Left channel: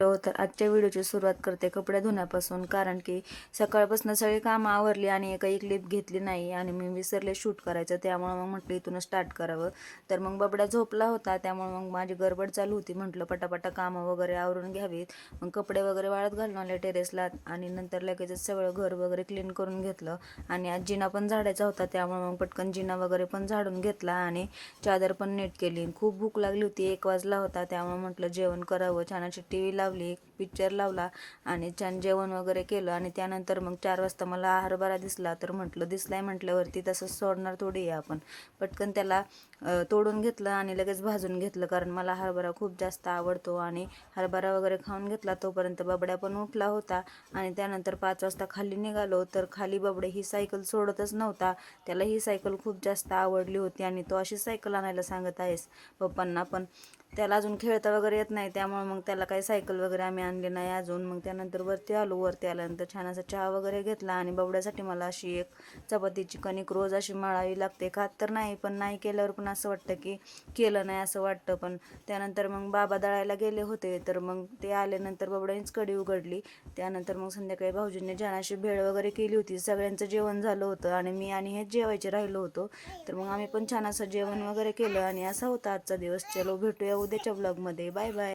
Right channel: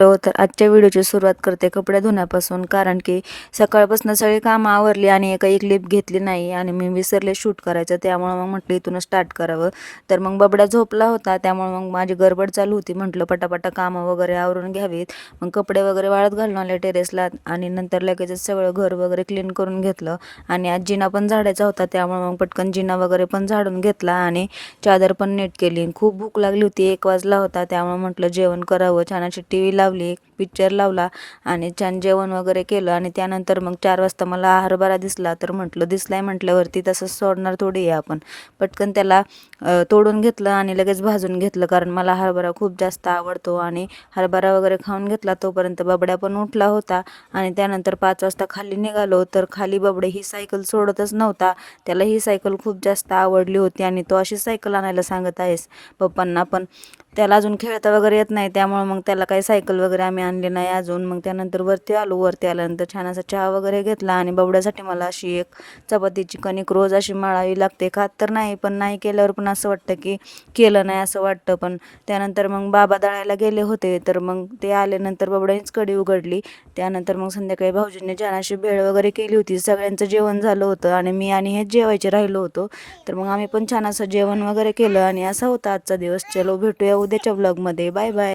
तर आजच्या व्हिडिओची सुरुवात करते कपडे धुण्यापासून, कारण की सकाळपासून सगळी कामं आवरली आणि काही क्लिप घेतली नाही आणि मी विसरले शूट करायचं. त्यामुळं मग म्हटलं इथून स्टार्ट करावं. तर मग बबड्या झोपला होता, त्यामुळे मग माझी गडबड चालू होती. म्हटलं पटापटा कामं वगैरे आवरून घ्यावीत. मग कपडे वगैरे वाळत घालून आले टेरेसला आणि नंतर लगेचच सगळं घर वगैरे क्लीन करून घेतलं. आणि आज जिना पण झाडायचा होता, त्यामुळे मग पटकन जिना वगैरे पण झाडून घेतला आणि चादर पण नीट केली. खूप भूक लागली होती, 1 वाजला होता. त्यामुळे म्हटलं जेवण करावं. छान अशी TV लावली, पिक्चर लावला आणि छान जेवण वगैरे केलं. आणि त्यानंतर मग 4 वाजता मला हरभरा दिसला, तर म्हटलं दिसलाय म्हटल्यावरती तसंच सोडणार थोडी आहे आपण. पटकन त्याला तोडून घेतलं आणि लगेच भाजून घेतलं, कारण मला हरभरा खूप जास्त आवडतो. आणि हरभरा वगैरे खाऊन घेतला. तोपर्यंत बबड्या पण उठला होता आणि त्यानंतर 5 वाजता खाली निघालो. तर खाली बबडे ही सायकल सोडतच नव्हता. त्याला ही सायकल खूप जास्त आवडली होती आणि तो अशी सायकल आणायला सांगत आहेस पप्पांना, पण त्याला अजून खेळता वगैरे येत नाही. त्यामुळे मग त्याला काही सायकल वगैरे आम्ही आणली नाही अजून. मग त्यानंतर वरती आलो. वरती आल्यानंतर छान असा चहा वगैरे घेतला आणि बबड्यासाठी मला अशी एक चपातीची कणिक रोज अशी मळावी लागते. खात तर नाही, पण नाही केल्यावर पण असं वाटतं की केलं नाही असं वाटतं. पण त्यानंतर मग बाबा दळायला गेले होते, तर मग ते आल्यानंतर बबड्यानेच कढी उघडली. त्यानंतर मग संध्याकाळी भाऊजींनी छान अशी भेळ वगैरे केली होती. सगळ्यांचं जेवण झालं होतं आणि मी आणि हेच जेवायचे राहिलो होतो. तर मग आम्ही पण छान असं जेवण वगैरे केलं आणि असा होता आजचा दिवस. चलो भेटूया उद्याच्या व्लॉगमध्ये. Bye bye.